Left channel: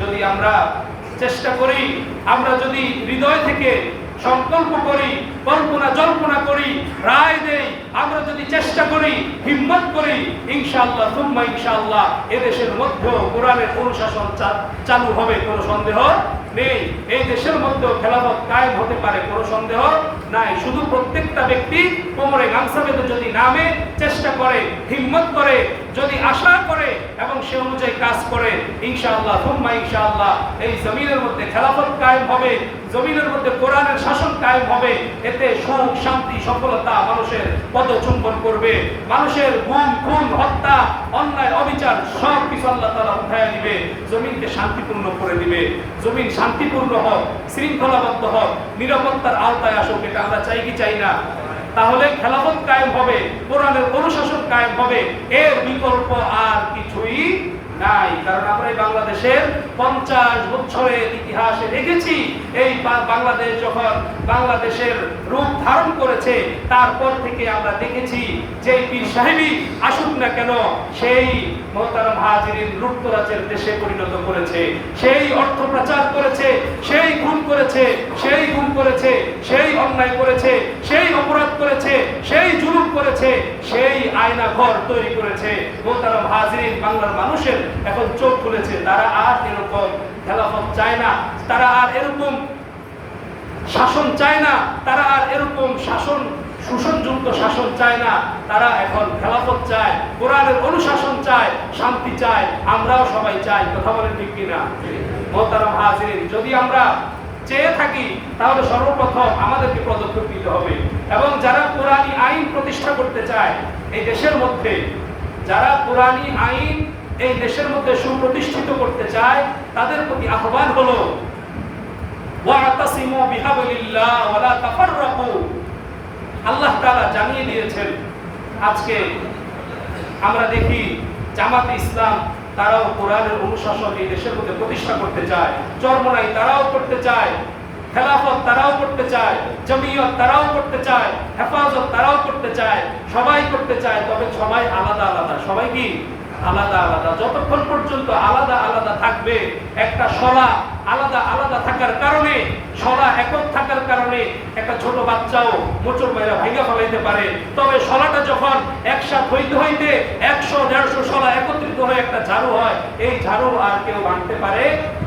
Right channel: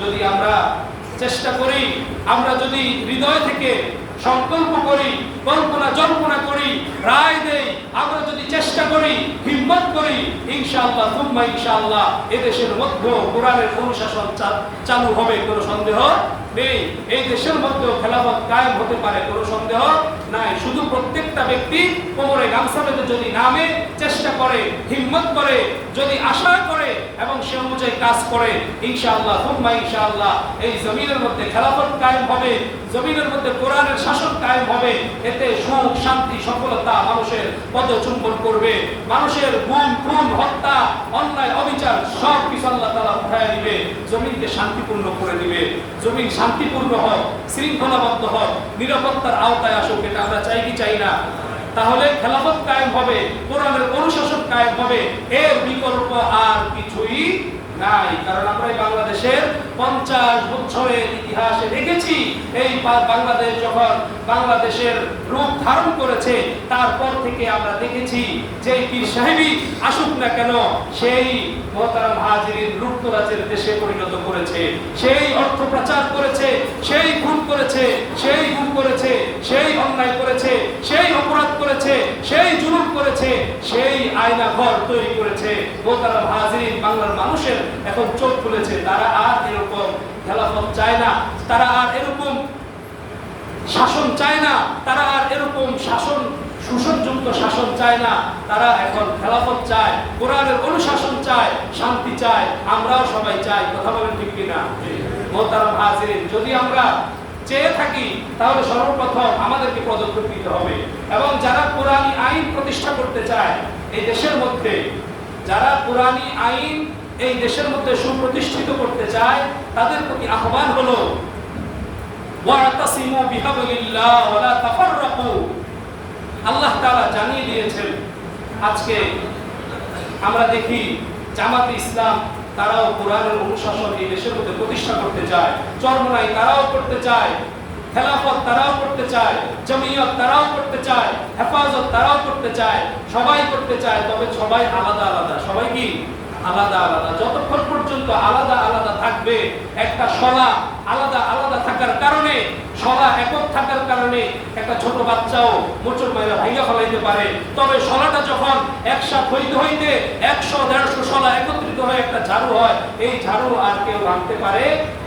যদি আমরা চেষ্টা করি, আমরা যদি হৃদয় থেকে সংকল্প করি, কল্পনা জল্পনা করি, রায় দেই, আমরা যদি চেষ্টা করি, হিম্মত করি, ইনশাআল্লাহ তুম্মা ইনশাআল্লাহ এদেশের মধ্যে কোরআনের অনুশাসন চালু হবে, কোনো সন্দেহ নেই। এই দেশের মধ্যেও খেলাফত কায়েম হতে পারে, কোনো সন্দেহ নাই। শুধু প্রত্যেকটা ব্যক্তি কোমরে গামছা বেঁধে যদি নামে, চেষ্টা করে, হিম্মত করে, যদি আশা করে এবং সে অনুযায়ী কাজ করে, ইনশাআল্লাহ তুম্মা ইনশাআল্লাহ এই জমিনের মধ্যে খেলাফত কায়েম হবে, জমিনের মধ্যে কোরআনের শাসন কায়েম হবে। এতে সুখ, শান্তি, সফলতা মানুষের পদচুম্বন করবে। মানুষের গুম, খুন, হত্যা, অন্যায়, অবিচার সব কিছু আল্লাহ তাআলা উঠাইয়া দিবে, জমিনকে শান্তিপূর্ণ করে দিবে। জমিন শান্তিপূর্ণ হোক, শৃঙ্খলাবদ্ধ হোক, নিরাপত্তার আওতায় আসুক, এটা আমরা চাই কি চাই না? তাহলে খেলাফত কায়েম হবে, কোরআনের অনুশাসন কায়েম হবে, এর বিকল্প আর কিছুই নাই। কারণ আমরা এই বাংলাদেশের 50 বছরের ইতিহাসে দেখেছি, এই বাংলাদেশ যখন বাংলাদেশের রূপ ধারণ করেছে, তারপর থেকে আমরা দেখেছি যে পীর সাহেবই আসুক না কেন, সেই মোহতারাম হাজিরিন লুটতরাজের দেশে পরিণত করেছে, সেই অর্থ প্রচার করেছে, সেই খুন করেছে, সেই গুম করেছে, সেই অন্যায় করেছে, সেই অপরাধ করেছে, সেই জুলুম করেছে, সেই আয়না ঘর তৈরি করেছে। মোহতারাম হাজিরিন, বাংলার মানুষের এখন চোখ খুলেছে, তারা আর এরকম খেলাফত চায় না, তারা আর এরকম শাসন চায় না, তারা আর এরকম শোষণযুক্ত শাসন চায় না। তারা এখন খেলাফত চায়, কোরআনের অনুশাসন চায়, শান্তি চায়, আমরাও সবাই চাই। কথা বলেন ঠিক কিনা? মোহতারাম হাজিরিন, যদি আমরা চেয়ে থাকি তাহলে সর্বপ্রথম আমাদেরকে পদক্ষেপ নিতে হবে। এবং যারা কোরআনী আইন প্রতিষ্ঠা করতে চায় এই দেশের মধ্যে, যারা কোরআনী আইন এই দেশের মধ্যে সুপ্রতিষ্ঠিত করতে চায়, তাদের প্রতি আহ্বান হলো ওয়াতাসিমু বিহাবলিল্লাহ ওয়ালা তাফাররাকু। আল্লাহ তাআলা জানিয়ে দিয়েছেন। আজকে আমরা দেখি জামাতে ইসলাম তারাও কোরআনের অনুশাসন এই দেশের মধ্যে প্রতিষ্ঠা করতে চায়, চরমনাই তারাও করতে চায়, খেলাফত তারাও করতে চায়, জমিয়ত তারাও করতে চায়, হেফাজত তারাও করতে চায়, সবাই করতে চায়। তবে সবাই আলাদা আলাদা। সবাই কি আলাদা আলাদা? যতক্ষণ পর্যন্ত আলাদা আলাদা থাকবে, একটা শলা আলাদা আলাদা থাকার কারণে, শলা একক থাকার কারণে একটা ছোট বাচ্চাও মোচড় মাইরা ভাঙা ফেলাইতে পারে। তবে শলাটা যখন একসাথে হইতে হইতে 100-150 শলা একত্রিত হয়ে একটা ঝাড়ু হয়, এই ঝাড়ু আর কেউ ভাঙতে পারে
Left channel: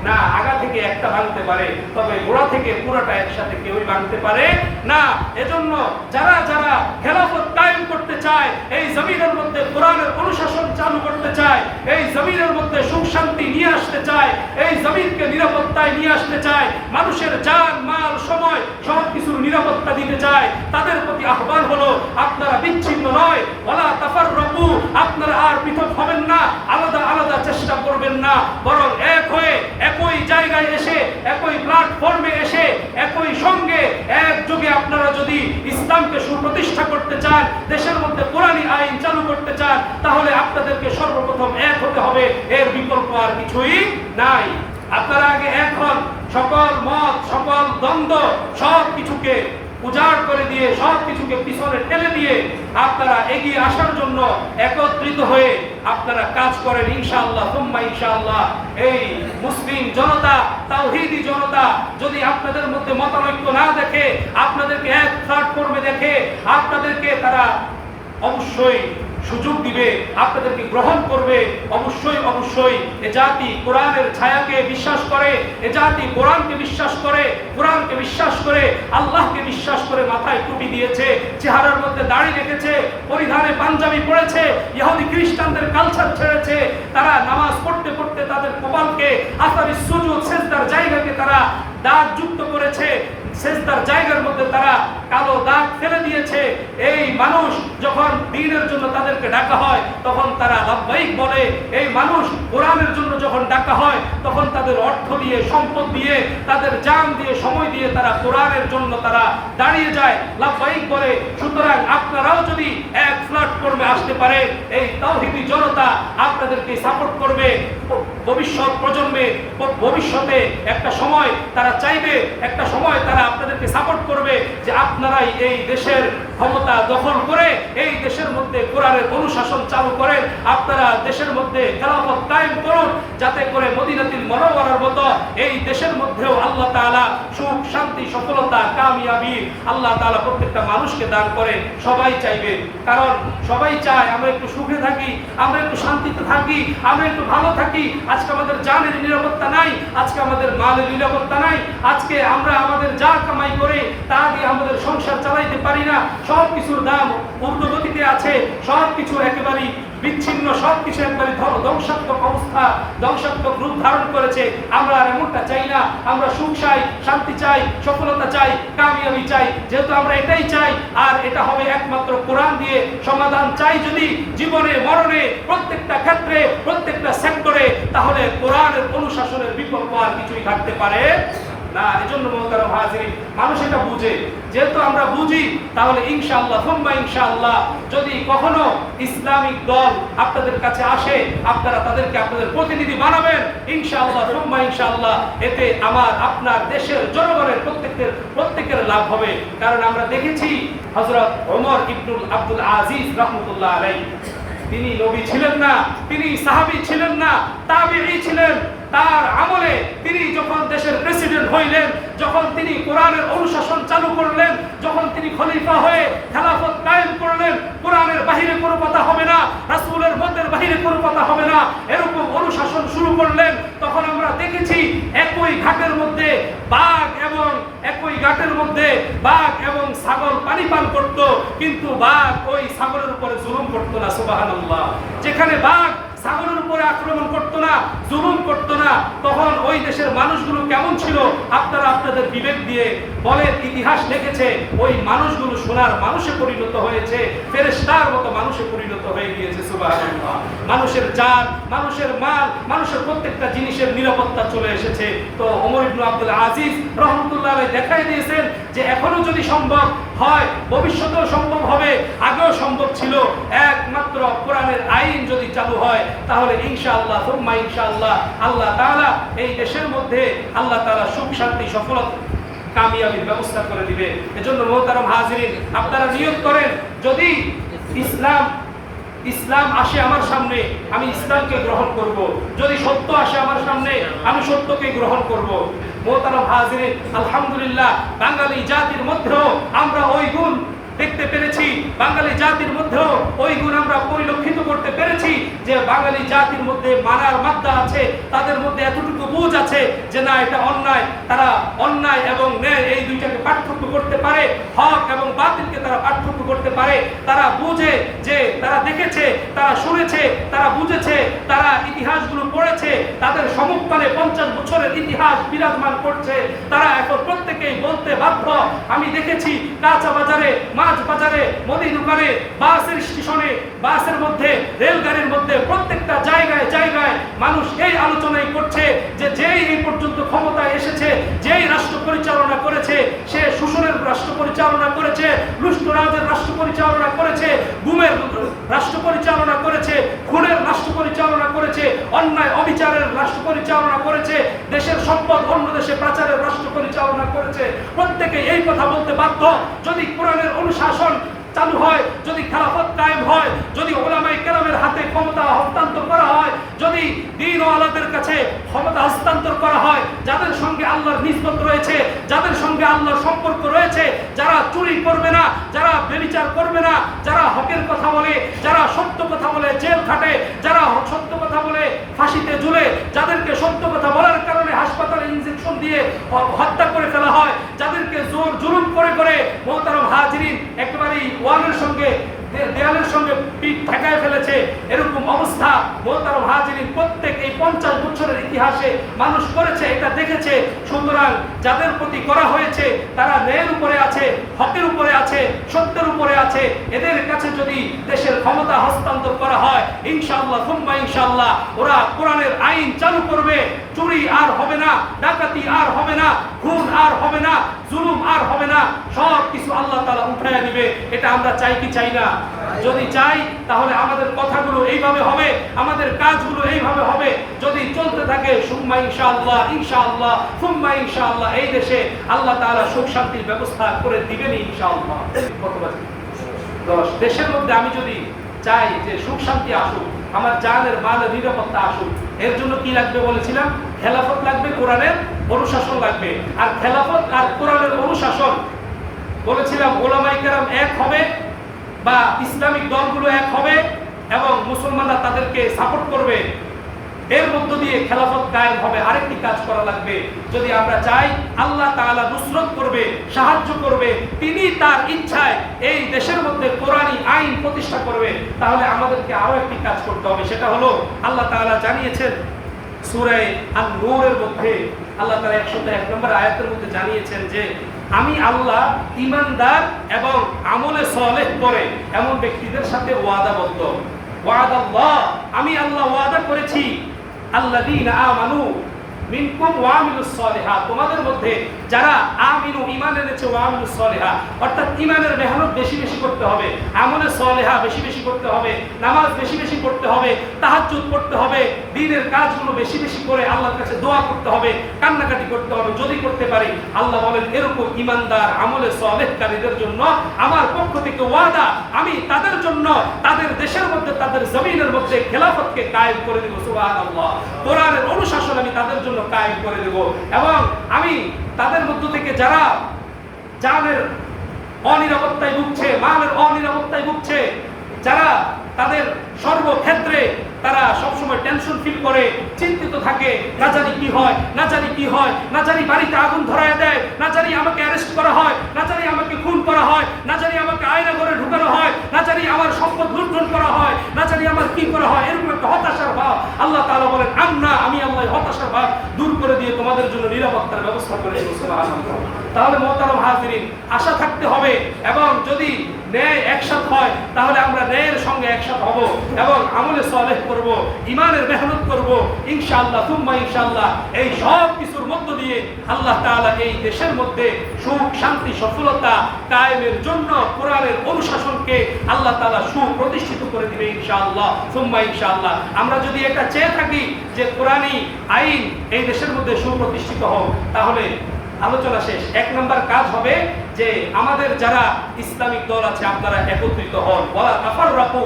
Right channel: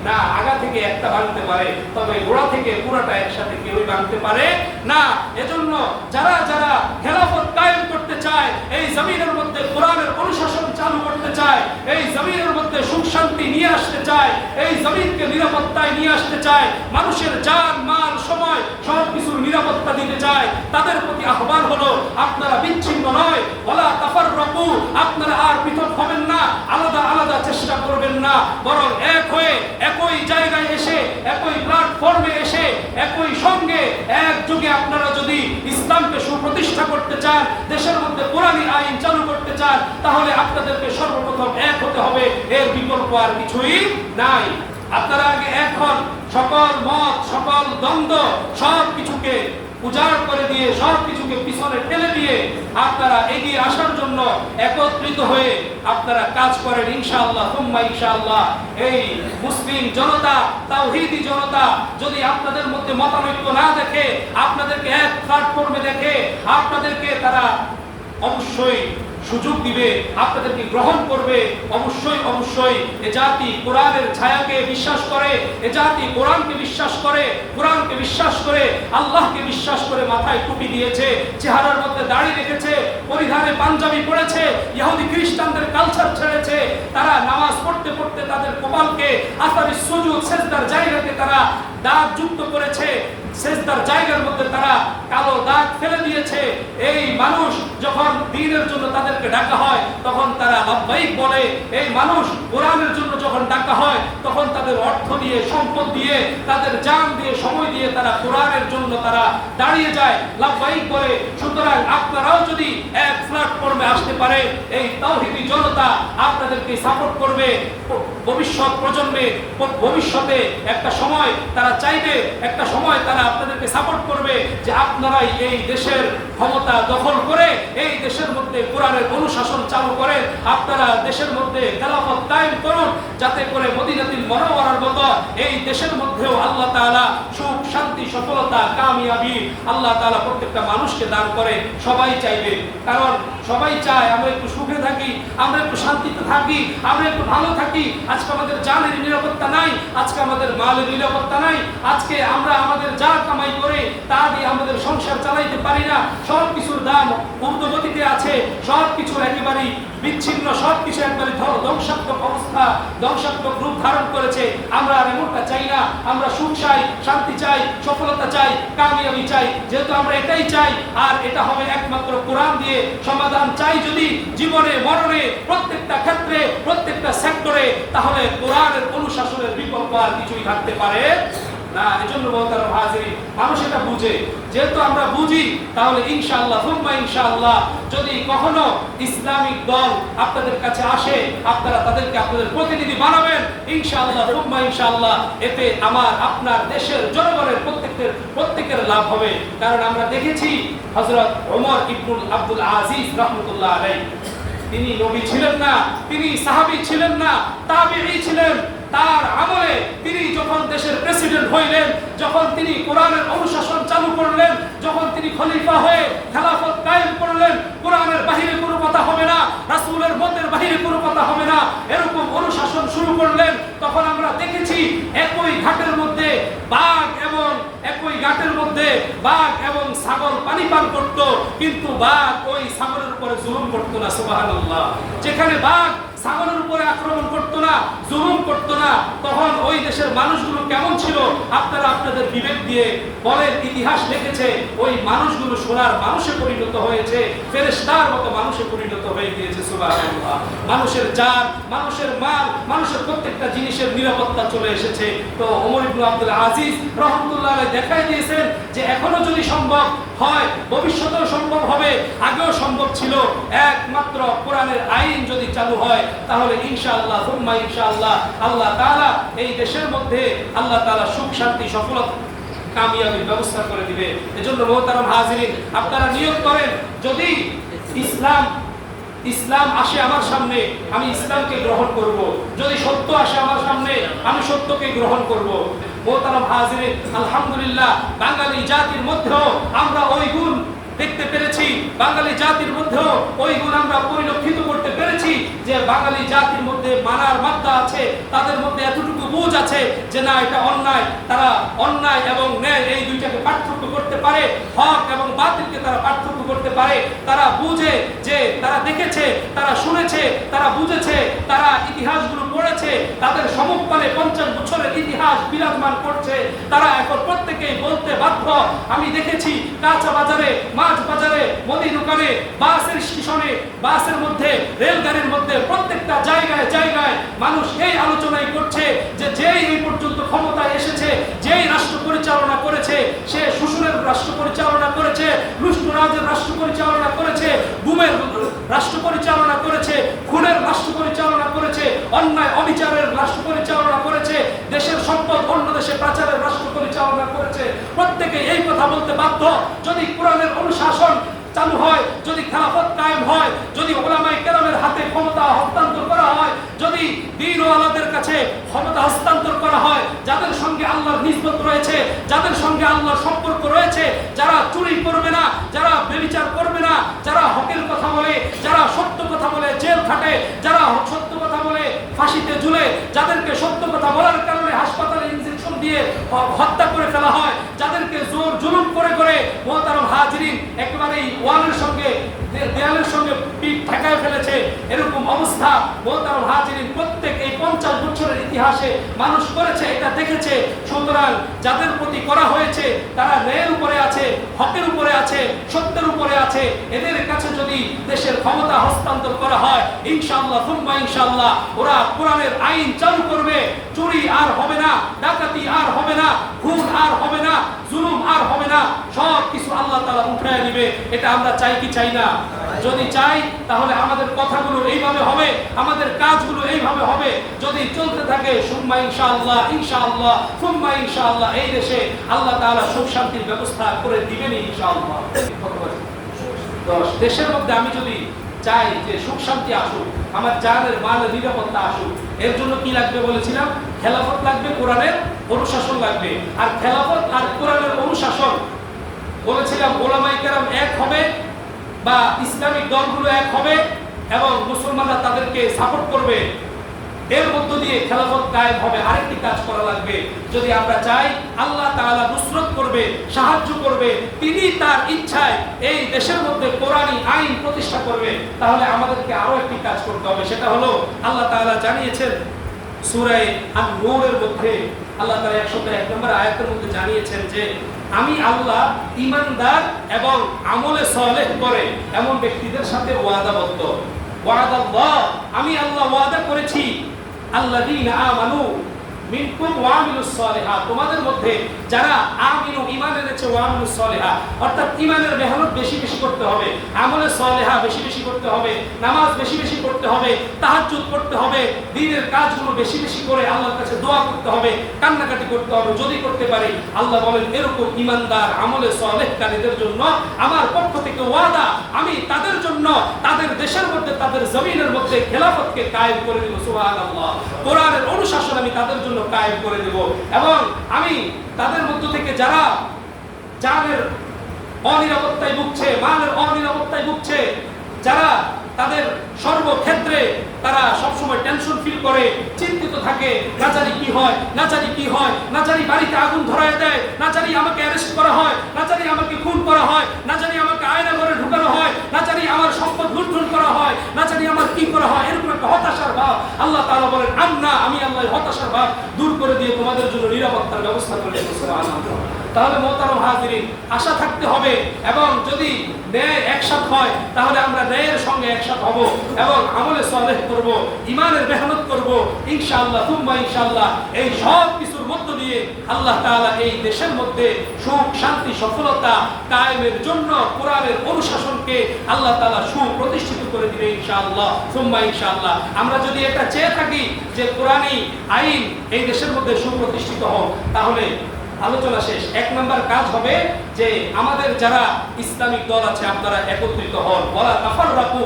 না। আগা থেকে একটা ভাঙতে পারে, তবে গোড়া থেকে পুরাটা একসাথে কেউই ভাঙতে পারে না। এজন্য যারা যারা খেলাফত কায়েম করতে চায়, এই জমিনের মধ্যে কোরআনের অনুশাসন চালু করতে চায়, এই জমিনের মধ্যে সুখ শান্তি নিয়ে আসতে চায়, এই জমিনকে নিরাপত্তায় নিয়ে আসতে চায়, মানুষের জান মাল সময় সব কিছুর নিরাপত্তা দিতে চায়, তাদের প্রতি আহ্বান হলো আপনারা বিচ্ছিন্ন নয়, ওয়ালা তাফাররাকু, আপনারা আর পৃথক হবেন না, আলাদা আলাদা চেষ্টা করবেন না, বরং এক হয়ে একই জায়গায় এসে, একই প্ল্যাটফর্মে এসে, একই সঙ্গে একযোগে আপনারা যদি ইসলামকে সুপ্রতিষ্ঠা করতে চান, দেশের মধ্যে কোরআনী আইন চালু করতে চান, তাহলে আপনাদেরকে সর্বপ্রথম এক হতে হবে। এর বিকল্প আর কিছুই নাই। আপনারা আগে এক হন, সকল মত, সকল দ্বন্দ্ব সব কিছুকে উজাড় করে দিয়ে, সব কিছুকে পিছনে ঠেলে দিয়ে আপনারা এগিয়ে আসার জন্য একত্রিত হয়ে আপনারা কাজ করেন। ইনশাআল্লাহ তুম্মা ইনশাআল্লাহ এই মুসলিম জনতা, তাওহীদি জনতা যদি আপনাদের মধ্যে মতানৈক্য না দেখে, আপনাদেরকে এক প্ল্যাটফর্মে দেখে, আপনাদেরকে তারা অবশ্যই সুযোগ দিবে, আপনাদেরকে গ্রহণ করবে। অবশ্যই অবশ্যই এ জাতি কোরআনের ছায়াকে বিশ্বাস করে, এ জাতি কোরআনকে বিশ্বাস করে, কোরআনকে বিশ্বাস করে, আল্লাহকে বিশ্বাস করে, মাথায় টুপি দিয়েছে, চেহারার মধ্যে দাড়ি রেখেছে, পরিধানে পাঞ্জাবি পড়েছে, ইহুদি খ্রিস্টানদের কালচার ছেড়েছে। তারা নামাজ পড়তে পড়তে তাদের কপালকে, আসারি সুজুদ, সেজদার জায়গাকে তারা দাগ যুক্ত করেছে, সেজদার জায়গার মধ্যে তারা কালো দাগ ফেলে দিয়েছে। এই মানুষ যখন দ্বীনের জন্য তাদেরকে ডাকা হয় তখন তারা লাব্বাইক বলে। এই মানুষ কোরআনের জন্য যখন ডাকা হয় তখন তাদের অর্থ দিয়ে, সম্পদ দিয়ে, তাদের জান দিয়ে, সময় দিয়ে তারা কোরআনের জন্য তারা দাঁড়িয়ে যায়, লাব্বাইক বলে। সুতরাং আপনারাও যদি এক প্ল্যাটফর্মে আসতে পারে, এই তাওহীদি জনতা আপনাদেরকে সাপোর্ট করবে। ভবিষ্যৎ প্রজন্মে ভবিষ্যতে একটা সময় তারা চাইবে, একটা সময় তারা আপনাদেরকে সাপোর্ট করবে যে আপনারাই এই দেশের ক্ষমতা দখল করে, এই দেশের মধ্যে কোরআনের অনুশাসন চালু করে, আপনারা দেশের মধ্যে খেলাফত কায়েম করুন, যাতে করে মদিনাতুল মুনাওয়ারার দেশের মধ্যেও আল্লাহ তাআলা সুখ, শান্তি, সফলতা, কামিয়াবি আল্লাহ তাআলা প্রত্যেকটা মানুষকে দান করে। সবাই চাইবে, কারণ সবাই চায় আমরা একটু সুখে থাকি, আমরা একটু শান্তিতে থাকি, আমরা একটু ভালো থাকি। আজকে আমাদের জানের নিরাপত্তা নাই, আজকে আমাদের মালের নিরাপত্তা নাই, আজকে আমরা আমাদের যা কামাই করে তা দিয়ে আমাদের সংসার চালাইতে পারি না। সব কিছুর দাম ঊর্ধ্বগতিতে আছে, সব কিছু একেবারেই বিচ্ছিন্ন, সব কিছু একবারে ধ্বংসাত্মক অবস্থা, ধ্বংসাত্মক রূপ ধারণ করেছে। আমরা আর এমনটা চাই না। আমরা সুখ চাই, শান্তি চাই, সফলতা চাই, কামিয়াবি চাই। যেহেতু আমরা এটাই চাই, আর এটা হবে একমাত্র কোরআন দিয়ে সমাধান চাই যদি জীবনে মরণে প্রত্যেকটা ক্ষেত্রে প্রত্যেকটা সেক্টরে, তাহলে কোরআনের অনুশাসনের বিকল্প আর কিছুই থাকতে পারে না। এজন্য মোহতারাম হাজিরিন, মানুষ এটা বুঝে। যেহেতু আমরা বুঝি, তাহলে ইনশাআল্লাহ সুম্মা ইনশাআল্লাহ যদি কখনো ইসলামিক দল আপনাদের কাছে আসে, আপনারা তাদেরকে আপনাদের প্রতিনিধি বানাবেন ইনশাআল্লাহ সুম্মা ইনশাআল্লাহ। এতে আমার আপনার দেশের জনগণের প্রত্যেকের লাভ হবে। কারণ আমরা দেখেছি হযরত ওমর ইবনুল আব্দুল আজিজ রাহমাতুল্লাহ আলাইহি, তিনি নবী ছিলেন না, তিনি সাহাবী ছিলেন না, তাবেঈ ছিলেন। তার আমলে তিনি যখন দেশের প্রেসিডেন্ট হইলেন, যখন তিনি কোরআনের অনুশাসন চালু করলেন, যখন তিনি খলিফা হয়ে খেলাফত কায়েম করলেন, কোরআনের বাহিরে কোনো কথা হবে না, রাসূলের মতের বাহিরে কোনো কথা হবে না, এরকম অনুশাসন শুরু করলেন। তখন আমরা দেখেছি একই ঘাটের মধ্যে বাঘ এবং ছাগল পানি পান করত, কিন্তু বাঘ ওই ছাগলের উপরে জুলুম করতো না। সুবহানাল্লাহ। যেখানে বাঘ ছাগলের উপরে আক্রমণ করতো না, জুলুম করতো না, তখন ওই দেশের মানুষগুলো কেমন ছিল আপনারা আপনাদের বিবেক দিয়ে বলেন। ইতিহাস লিখেছে ওই মানুষগুলো সোনার মানুষে পরিণত হয়েছে, ফেরেশতার মতো মানুষে পরিণত হয়ে গিয়েছে। সুবহানাল্লাহ। মানুষের জান, মানুষের মাল, মানুষের প্রত্যেকটা জিনিসের নিরাপত্তা চলে এসেছে। তো ওমর ইবনে আব্দুল আজিজ রাহমাতুল্লাহ আলাইহি দেখাই দিয়েছেন যে এখনো যদি সম্ভব হয়, ভবিষ্যতেও সম্ভব হবে, আগেও সম্ভব ছিল। একমাত্র কোরআনের আইন যদি চালু হয়, তাহলে ইনশাআল্লাহ সুম্মা ইনশাআল্লাহ আল্লাহ তাআলা এই দেশের মধ্যে আল্লাহ তাআলা সুখ, শান্তি, সফলতা, কামিয়াবির ব্যবস্থা করে দিবে। এজন্য মোহতারাম হাজিরিন, আপনারা নিয়ত করেন, যদি ইসলাম আসে আমার সামনে, আমি ইসলামকে গ্রহণ করব। যদি সত্য আসে আমার সামনে, আমি সত্যকে গ্রহণ করব। মোহতারাম হাজিরিন, আলহামদুলিল্লাহ বাঙালি জাতির মধ্যেও আমরা ওই গুণ দেখতে পেরেছি, বাঙালি জাতির মধ্যেও ওই গুণ আমরা পরিলক্ষিত করতে পেরেছি যে বাঙালি জাতির মধ্যে মানার মাত্রা আছে, তাদের মধ্যে এতটুকু বুঝ আছে যে না, এটা অন্যায়। তারা অন্যায় এবং ন্যায় এই দুইটাকে পার্থক্য করতে পারে, হক এবং বাতিলকে তারা পার্থক্য করতে পারে। তারা বুঝে যে, তারা দেখেছে, তারা শুনেছে, তারা বুঝেছে, তারা ইতিহাসগুলো পড়েছে, তাদের সম্মুখপানে 50 বছরের ইতিহাস বিরাজমান করছে। তারা এখন প্রত্যেকেই বলতে বাধ্য, আমি দেখেছি কাঁচা বাজারে, মাছ বাজারে, মুদি দোকানে, বাসের স্টেশনে, বাসের মধ্যে, রেলগাড়ির মধ্যে, প্রত্যেকটা জায়গায় জায়গায় মানুষ এই আলোচনাই করছে যে যেই এই পর্যন্ত ক্ষমতায় এসেছে, যেই রাষ্ট্র পরিচালনা করেছে, সে শোষণের রাষ্ট্র পরিচালনা করেছে, লুষ্টরাজের রাষ্ট্র পরিচালনা করেছে, গুমের রাষ্ট্র পরিচালনা করেছে, খুনের রাষ্ট্র পরিচালনা করেছে, অন্যায় অবিচারের রাষ্ট্র পরিচালনা করেছে, দেশের সম্পদ অন্য দেশে পাচারের রাষ্ট্র পরিচালনা করেছে। প্রত্যেকে এই কথা বলতে বাধ্য। যদি কোরআনের অনুশাসন চালু হয়, যদি খেলাফত কায়েম হয়, যদি উলামায়ে কেরামের হাতে ক্ষমতা হস্তান্তর করা হয়, যদি দ্বীন ওয়ালাদের কাছে ক্ষমতা হস্তান্তর করা হয়, যাদের সঙ্গে আল্লাহর নিসবত রয়েছে, যাদের সঙ্গে আল্লাহর সম্পর্ক রয়েছে, যারা চুরি করবে না, যারা ব্যভিচার করবে না, যারা হকের কথা বলে, যারা সত্য কথা বলে জেল খাটে, যারা সত্য কথা বলে ফাঁসিতে ঝুলে, যাদেরকে সত্য কথা বলার কারণে হাসপাতালে ইনজেকশন দিয়ে হত্যা করে ফেলা হয়, যাদেরকে জোর জুলুম করে করে মোহতারাম হাজিরিন একেবারেই ওয়ালের সঙ্গে, দেয়ালের সঙ্গে পিঠ ঠেকায় ফেলেছে, এরকম অবস্থা মোহতারাম হাজিরিন প্রত্যেক এই 50 বছরের ইতিহাসে মানুষ করেছে, এটা দেখেছে। সুতরাং যাদের প্রতি করা হয়েছে তারা ন্যায়ের উপরে আছে, হকের উপরে আছে, সত্যের উপরে আছে। এদের কাছে যদি দেশের ক্ষমতা হস্তান্তর করা হয়, ইনশাআল্লাহ সুম্মা ইনশাআল্লাহ ওরা কোরআনের আইন চালু করবে। চুরি আর হবে না, ডাকাতি আর হবে না, খুন আর হবে না, জুলুম আর হবে না, সব কিছু আল্লাহ তাআলা উঠায় দিবে। এটা আমরা চাই কি চাই না? যদি চাই তাহলে আমাদের কথাগুলো এইভাবে হবে, আমাদের কাজগুলো এইভাবে হবে। যদি চলতে থাকে সুম্মা ইনশাআল্লাহ, ইনশাআল্লাহ সুম্মা ইনশাআল্লাহ, এই দেশে আল্লাহ তাআলা সুখ শান্তির ব্যবস্থা করে দিবেন ইনশাআল্লাহ। দেশের মধ্যে আমি যদি চাই যে সুখ শান্তি আসুক, আমার জানের মালের নিরাপত্তা আসুক, এর জন্য কি লাগবে বলেছিলাম? খেলাফত লাগবে, কোরআনের অনুশাসন লাগবে। আর খেলাফত আর কোরআনের অনুশাসন বলেছিলাম ওলামায়ে কেরাম এক হবে বা ইসলামিক দলগুলো এক হবে এবং মুসলমানরা তাদেরকে সাপোর্ট করবে, এর মধ্য দিয়ে খেলাফত কায়েম হবে। আরেকটি কাজ করা লাগবে, যদি আমরা চাই আল্লাহ তাআলা নুসরত করবে, সাহায্য করবে, তিনি তার ইচ্ছায় এই দেশের মধ্যে কোরআনী আইন প্রতিষ্ঠা করবে, তাহলে আমাদেরকে আরো একটি কাজ করতে হবে। সেটা হলো আল্লাহ তাআলা জানিয়েছেন সূরা আন-নূরের মধ্যে, আল্লাহ তাআলা 101 নম্বর আয়াতের মধ্যে জানিয়েছেন যে আমি আল্লাহ ঈমানদার এবং আমলে সালেহ করে এমন ব্যক্তিদের সাথে ওয়াদাবদ্ধ। ওয়াদাল্লাহ, আমি আল্লাহ ওয়াদা করেছি আল্লাযীনা আমানু মিনকুম ওয়া আমিলুস সালিহাত, তোমাদের মধ্যে যারা আমিনু ঈমান এনেছে ওয়া আমিলুস সালিহাত, অর্থাৎ ঈমানের মেহনত বেশি বেশি করতে হবে, আমলে সালিহা বেশি বেশি করতে হবে, নামাজ বেশি বেশি করতে হবে, তাহাজ্জুদ করতে হবে, দ্বীনের কাজগুলো বেশি বেশি করে আল্লাহর কাছে দোয়া করতে হবে, কান্নাকাটি করতে হবে যদি করতে পারি। আল্লাহ বলেন এরকম ঈমানদার আমলে সালেহকারীদের জন্য আমার পক্ষ থেকে ওয়াদা, আমি তাদের জন্য তাদের দেশের মধ্যে তাদের জমিনের মধ্যে খেলাফতকে কায়েম করে দেব। সুবহানাল্লাহ, কোরআনের অনুশাসন আমি তাদের জন্য কায়েম করে দেব এবং আমি তাদের মধ্য থেকে যারা জানের অনিরাপত্তায় ভুগছে, মালের অনিরাপত্তায় ভুগছে, যারা তাদের সর্বক্ষেত্রে তারা সবসময় টেনশন ফিল করে, চিন্তিত থাকে, না জানি কি হয়, না জানি কি হয়, না জানি বাড়িতে আগুন ধরায় দেয়, না জানি আমাকে অ্যারেস্ট করা হয়, না জানি আমাকে খুন করা হয়, না জানি আমাকে আয়না ঘরে ঢুকানো হয়, না জানি আমার সম্পদ লুণ্ঠন করা হয়, না জানি আমার কি করা হয়, এরকম একটা হতাশার ভাব আল্লাহ তাআলা বলেন আমি আল্লাহ হতাশার ভাব দূর করে দিয়ে তোমাদের জন্য নিরাপত্তার ব্যবস্থা করে দেব। সুবহানাল্লাহ। তাহলে মোহতারাম হাজিরিন, আশা থাকতে হবে এবং যদি ন্যায় একসাথ হয় তাহলে আমরা ন্যায়ের সঙ্গে একসাথ হব এবং আমলে সালেহ করব, ঈমানের মেহনত করব ইনশাআল্লাহ সুম্মা ইনশাআল্লাহ। এই সব কিছুর মধ্য দিয়ে আল্লাহ তাআলা এই দেশের মধ্যে সুখ শান্তি সফলতা কায়েমের জন্য কোরআনের অনুশাসনকে আল্লাহ তাআলা সুপ্রতিষ্ঠিত করে দিবে ইনশাআল্লাহ সুম্মা ইনশাআল্লাহ। আমরা যদি এটা চেয়ে থাকি যে কোরআনী আইন এই দেশের মধ্যে সুপ্রতিষ্ঠিত হোক, তাহলে আলোচনা শেষ। 1 নম্বর কাজ হবে যে আমাদের যারা ইসলামিক দল আছে আপনারা একত্রিত হন, ওয়ালা তাফাররাকু,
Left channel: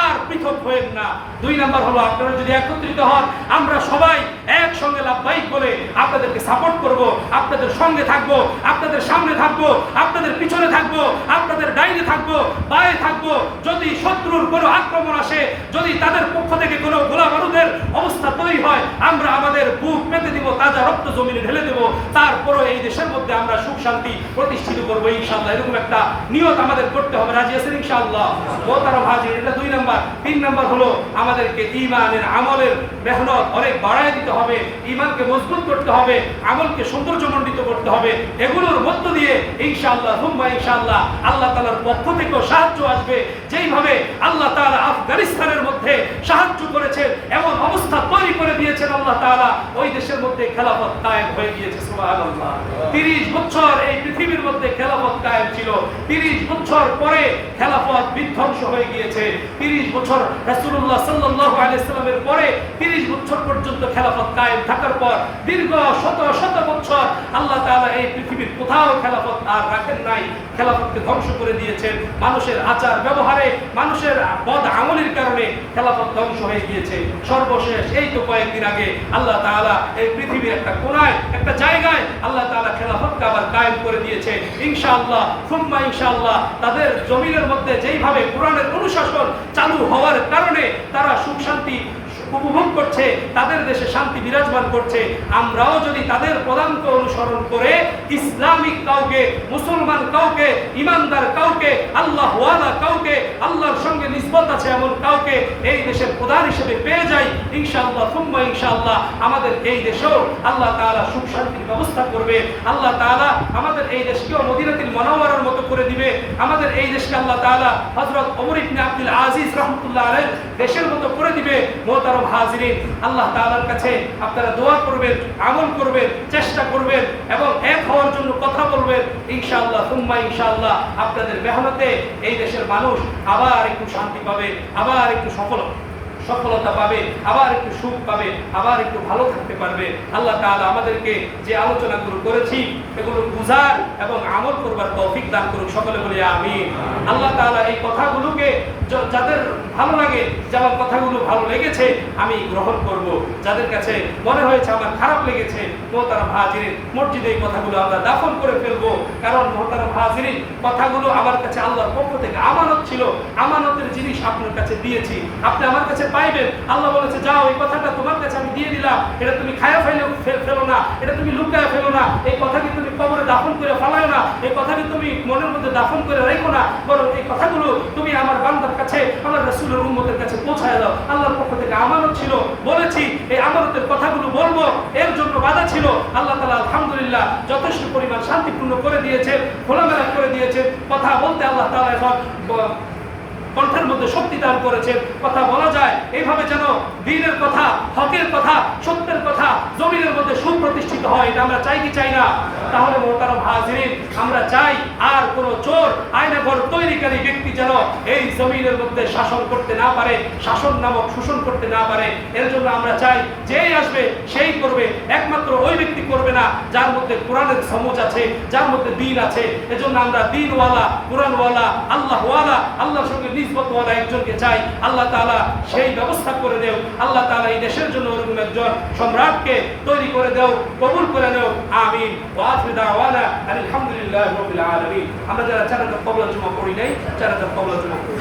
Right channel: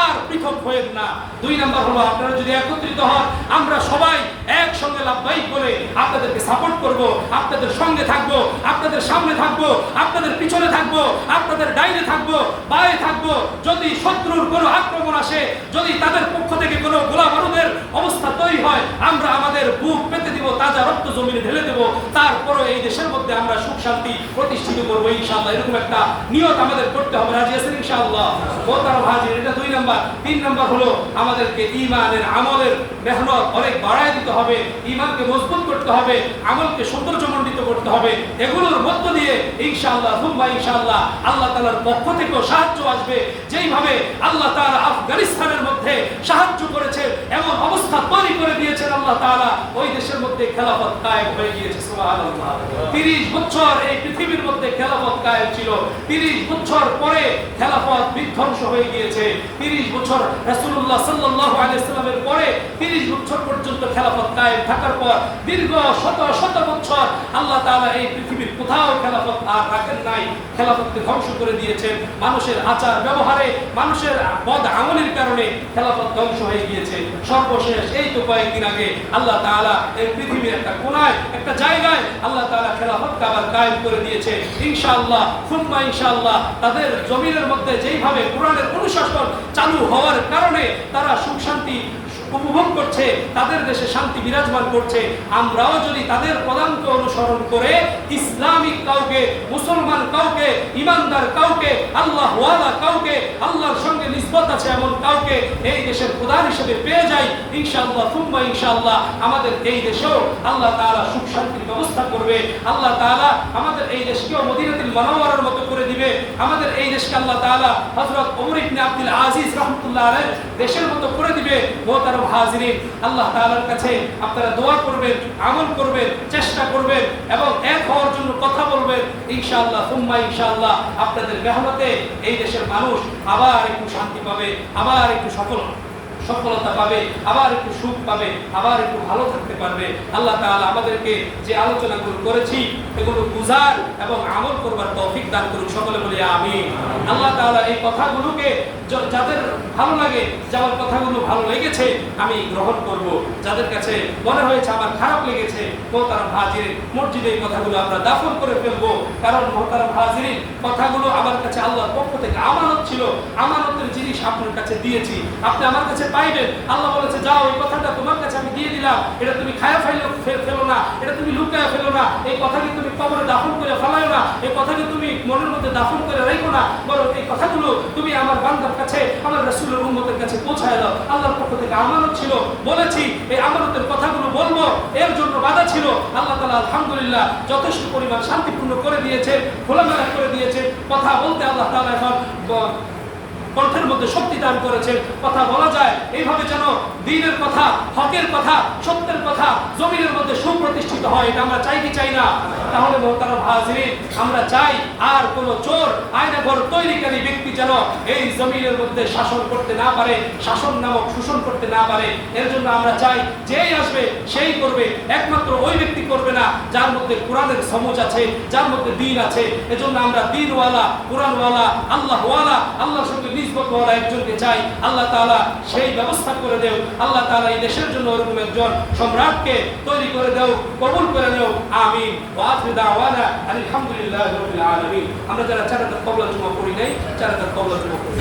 আর পৃথক হয়েন না। 2 নম্বর হলো আপনারা যদি একত্রিত হন, আমরা সবাই একসঙ্গে লাব্বাইক বলে আপনাদেরকে সাপোর্ট করব, আপনাদের সঙ্গে থাকব, আপনাদের সামনে থাকব, আপনাদের পিছনে থাকব, আপনাদের ডাইনে থাকব, বায়ে থাকব। যদি শত্রুর কোনো আক্রমণ আসে, যদি তাদের পক্ষ থেকে কোনো গোলা বারুদের অবস্থা তৈরি হয়, আমরা আমাদের বুক পেতে দিব, তাজা রক্ত জমিনে ঢেলে দেব, তারপরও এই দেশের মধ্যে আমরা সুখ শান্তি প্রতিষ্ঠিত করবো ইনশাআল্লাহ। এরকম একটা নিয়ত আমাদের করতে হবে। রাজি আছেন ইনশাআল্লাহ? মোহতারাম হাজির, এটা 2 নম্বর। 3 নম্বর হলো আমাদেরকে ঈমানের আমলের মেহনত অনেক বাড়ায় দিতে হবে, ঈমানকে মজবুত করতে হবে, আমলকে সৌন্দর্যমণ্ডিত করতে হবে। এগুলোর মধ্য দিয়ে ইনশাআল্লাহ সুম্মা ইনশাআল্লাহ আল্লাহ তাআলার পক্ষ থেকেও সাহায্য আসবে। যেইভাবে আল্লাহ তাআলা আফগানিস্তানের মধ্যে সাহায্য করেছেন, এমন অবস্থা তৈরি করে দিয়েছেন আল্লাহ তাআলা, ওই দেশের মধ্যে খেলাফত কায়েম হয়ে গিয়েছে। সুবহানাল্লাহ। 30 বছর এই পৃথিবীর মধ্যে খেলাফত কায়েম ছিল, 30 বছর পরে খেলাফত বিধ্বংস হয়ে গিয়েছে। 30 বছর রাসূলুল্লাহ সাল্লাল্লাহু আলাইহি সাল্লামের পরে 30 বছর পর্যন্ত খেলাফত কায়েম থাকার পর দীর্ঘ শত শত বছর আল্লাহ তাআলা এই পৃথিবীর কোথাও খেলাফত আর রাখেন নাই, খেলাফতকে ধ্বংস করে দিয়েছেন। মানুষের আচার ব্যবহারে, মানুষের বদ আমলের কারণে খেলাফত ধ্বংস হয়ে গিয়েছে। সর্বশেষ এই তো কয়েকদিন আগে আল্লাহ তাআলা এই পৃথিবীর একটা কোনায়, একটা জায়গায় আল্লাহ তাআলা খেলাফতকে আবার কায়েম করে দিয়েছে ইনশাআল্লাহ সুম্মা ইনশাআল্লাহ। তাদের জমিনের মধ্যে যেইভাবে কোরআনের অনুশাসন চালু হওয়ার কারণে তারা সুখ শান্তি উপভোগ করছে, তাদের দেশে শান্তি বিরাজমান করছে, আমরাও যদি তাদের পদাঙ্ক অনুসরণ করে ইসলামিক কাউকে, মুসলমান কাউকে, ইমানদার কাউকে, আল্লাহ ওয়ালা কাউকে, আল্লাহর সঙ্গে নিসবত আছে এমন কাউকে এই দেশের প্রধান হিসেবে পেয়ে যাই ইনশাআল্লাহ সুম্মা ইনশাআল্লাহ, আমাদের এই দেশেও আল্লাহ তাআলা সুখ শান্তির ব্যবস্থা করবে। আল্লাহ তাআলা আমাদের এই দেশকেও মদিনাতুল মুনাওয়ারার মতো করে দিবে। আমাদের এই দেশকে আল্লাহ তাআলা হযরত ওমর ইবনে আব্দুল আজিজ রাহমাতুল্লাহ আলাইহি দেশের মতো করে দিবে। মোহতারাম হাজিরিন, আল্লাহ তাআলার কাছে আপনারা দোয়া করবেন, আমল করবেন, চেষ্টা করবেন এবং এক হওয়ার জন্য কথা বলবেন ইনশাআল্লাহ সুম্মা ইনশাআল্লাহ। আপনাদের মেহনতে এই দেশের মানুষ আবার একটু শান্তি পাবে, আবার একটু সফলতা পাবে, আবার একটু সুখ পাবে, আবার একটু ভালো থাকতে পারবে। আল্লাহ তাআলা আমাদেরকে যে আলোচনাগুলো করেছি এগুলো বুঝার এবং আমল করবার তৌফিক দান করুন, সকলে বলি আমিন। আল্লাহ তাআলা এই কথাগুলোকে যাদের ভালো লাগে, যেমন কথাগুলো ভালো লেগেছে আমি গ্রহণ করব, যাদের কাছে মনে হয়েছে আমার খারাপ লেগেছে মোহতারাম হাজিরিন মসজিদে এই কথাগুলো আমরা দাফন করে ফেলবো। কারণ মোহতারাম হাজিরিন কথাগুলো আমার কাছে আল্লাহর পক্ষ থেকে আমানত ছিল, আমানতের জিনিস আপনার কাছে দিয়েছি, আপনি আমার কাছে পাইবেন। আল্লাহ বলেছে যাও এই কথাটা তোমার কাছে আমি দিয়ে দিলাম, এটা তুমি খায়া ফেলো না, এটা তুমি লুকায়া ফেলো না, এই কথাকে তুমি কবরে দাফন করে ফেলায়ো না, এই কথাকে তুমি মনের মধ্যে দাফন করে রেখো না, বরং এই কথাগুলো তুমি আমার বান্দার কাছে, আমার রাসূলের উম্মতের কাছে পৌঁছায় দাও। আল্লাহর পক্ষ থেকে আমানত ছিল, বলেছি এই আমানতের কথাগুলো বলবো, এর জন্য বাধা ছিল। আল্লাহ তাআলা আলহামদুলিল্লাহ যথেষ্ট পরিমাণ শান্তিপূর্ণ করে দিয়েছে, খোলামেলা করে দিয়েছে। কথা বলতে আল্লাহ তাআলা এখন কণ্ঠের মধ্যে শক্তি দান করেছে, কথা বলা যায় এইভাবে যেন দ্বীনের কথা, হকের কথা, সত্যের কথা জমিনের মধ্যে সুপ্রতিষ্ঠিত হয়। এটা আমরা চাই কি চাই না? তাহলে মোহতারাম হাজিরিন আমরা চাই আর কোন চোর আয়নাঘর তৈরিকারী ব্যক্তি যেন এই জমিনের মধ্যে শাসন করতে না পারে, শাসন নামক শোষণ করতে না পারে। এর জন্য আমরা চাই যেই আসবে সেই করবে, একমাত্র ওই ব্যক্তি করবে না যার মধ্যে কোরআনের সমুজ আছে, যার মধ্যে দ্বীন আছে। এজন্য আমরা দ্বীনওয়ালা, কোরআনওয়ালা, আল্লাহওয়ালা, আল্লাহর সঙ্গে নিসবতওয়ালা একজনকে চাই। আল্লাহ তাআলা সেই ব্যবস্থা করে দেও। আল্লাহ তাআলা এই দেশের জন্য ওরকম একজন সম্রাটকে তৈরি করে দেও, কবুল করে নেও, আমিন। ওয়া আখিরু দাওয়ানা আলহামদুলিল্লাহি রাব্বিল আলামিন। আমরা যারা চার রাকাত কবুল জুমা পড়ি নাই, চার রাকাত কবুল জুমা পড়ি।